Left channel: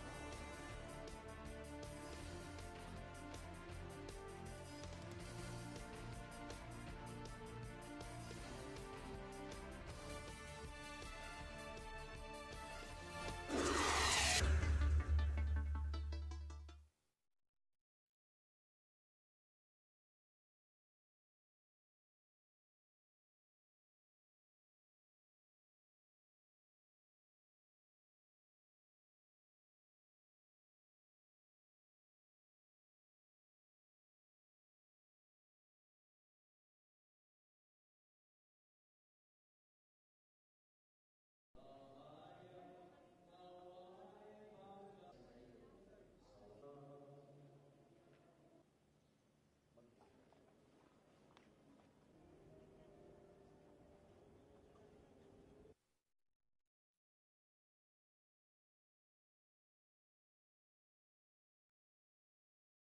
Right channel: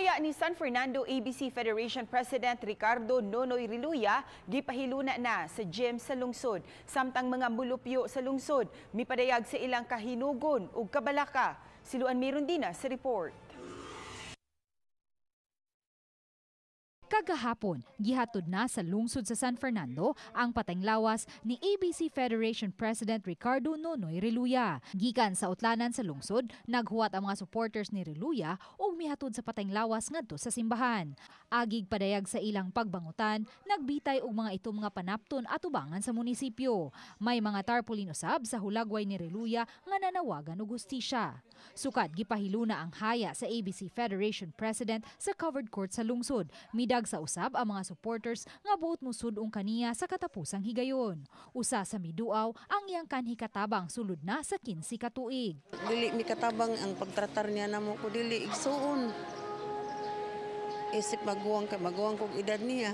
Haya ni San Fernando ABC Federation President Ricardo Nonoy Reluya gipahiluna na sa gym sa lungsod. Samtang mga mulupyo sa lungsod mipadayag sa ilang kahinugon ug kabalaka. Siluan meron din sa report. Kagahapon, gihatod na sa lungsod sa San Fernando ang Patay'ng Lawas ni ABC Federation President Ricardo Nonoy Reluya. Gikan sa utlanan sa lungsod, naghuwat ang mga supporters ni Reluya ug mihatod sa Patay'ng Lawas ngadto sa simbahan. Agig padayag sa ilang pagbangutan, nagbitay og mga itong mga panapton at ubangan sa munisipyo. May mga tarpaulin usab sa hulagway ni Reluya nga nanawagan og hustisya. Sukad gipahiluna ang haya sa ABC Federation President sa covered court sa lungsod. Midag sa usab ang mga supporters nga buot musud kaniya sa katapusang higayon. Usa sa miduaw ang iyang kanhi katabang sulod na sa 15 ka tuig. Dili mi katabang ang pagtratar niya namo ko dili igsuon. Isip maguwang kog edad niya.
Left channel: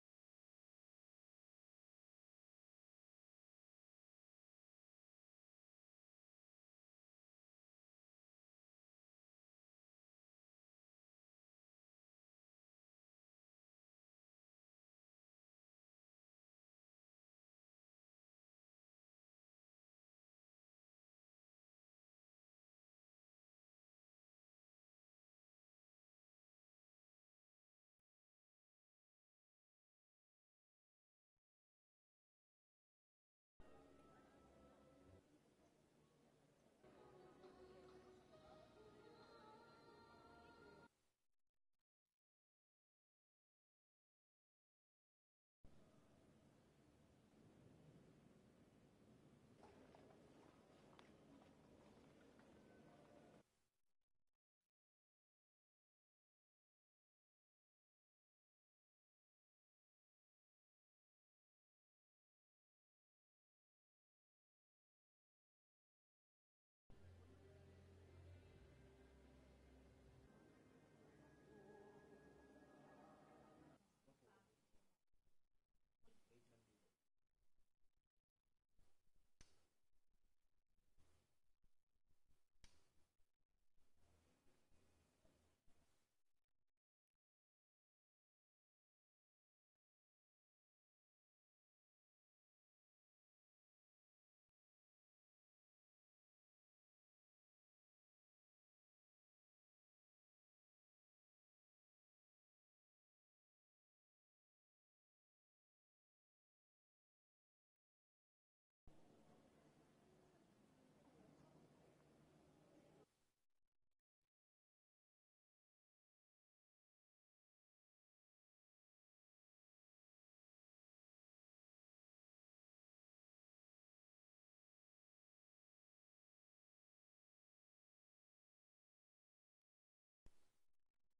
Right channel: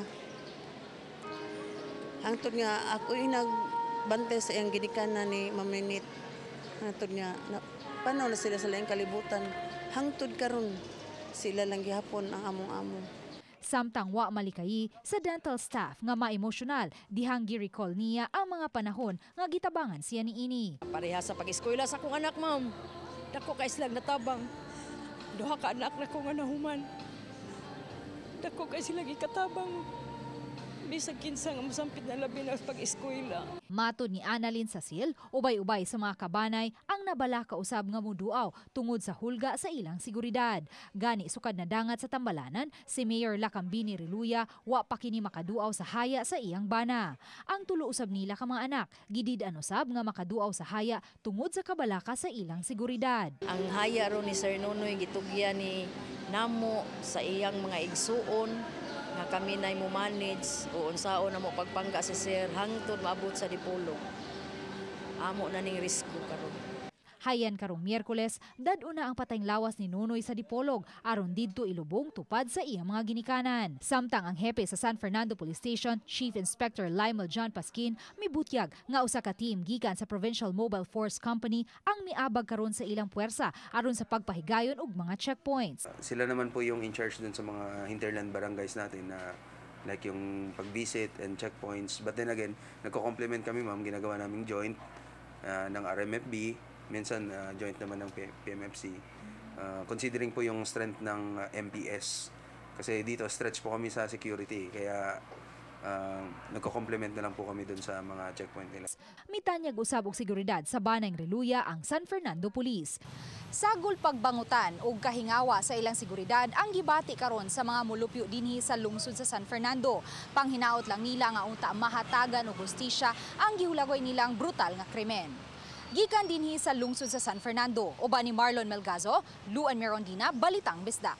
Hangtod nga ako nagbantay sa iyang gidikanan ni Maminit. Hangtod nga panaw na sila sa laing kalibutan. Hangtod karon sila lang gihapon ang among-among. Samtang wa malikayi sa dental staff nga ma-emosyonal dihang gi-recall niya ang mga panahon nga gitabangan siya niini. Pareha sa pag-eskwela sa akong anak, ma'am. Dako ka islang natabang. Duha ka anak na ko nga nahuman. Dako ka silang ikatabang. Bisag kinsa nga mosampit na labi na pag-eskwela. Matod ni Annalyn Sasil, ubay-ubay sa mga kabanay ang nabalaka usab nga muduaw tungod sa hulga sa ilang seguridad. Gani sukad na dangat sa tambalanan, si Mayor Lacambini Reluya wa pa kini makaduaw sa haya sa iyang bana. Ang tulo usab nila ka mga anak, gidid-an usab nga makaduaw sa haya tungod sa kabalaka sa ilang seguridad. Ang haya ro ni Sir Nonoy gitugya ni namo sa iyang mga igsuon nga kami na mo manage o unsaon na mo pagpangga si Sir hangtod maabot sa dipolog. Amo na ning risko karon. Hayan karong Miyerkules, dad-una ang Patay'ng Lawas ni Nonoy sa dipolog aron didto ilubong tupad sa iyang mga ginikanan. Samtang ang hepe sa San Fernando Police Station, Chief Inspector Lymel John Pasquin, mibutyag nga usa ka team gikan sa Provincial Mobile Force Company ang miabag karon sa ilang puwersa aron sa pagpahigayon og mga checkpoints. Sila naman po yung in charge dun sa mga hinterland barangays natin na like yung pag-visit and checkpoints. But then again, nagko-complement kami, ma'am, ginagawa naming joint ng RMFB. Minsan joint naman ng PMFC. Considering po yung strength ng MPS. Kasi dito stretch po kami sa security. Kaya nagko-complement na lang po kami dun sa mga checkpoint nila. Mitanyag usab og seguridad sa Banay'ng Reluya ang San Fernando Police. Sagol pagbangutan og kahingawa sa ilang seguridad ang gibati karon sa mga mulupyo dinhi sa lungsod sa San Fernando. Panghinaot lang nila nga unta mahatagan og hustisya ang gihulagway nilang brutal nga krimen. Gikan dinhi sa lungsod sa San Fernando, uban ni Marlon Melgazo, Luan Merondina, Balitang Bisdak.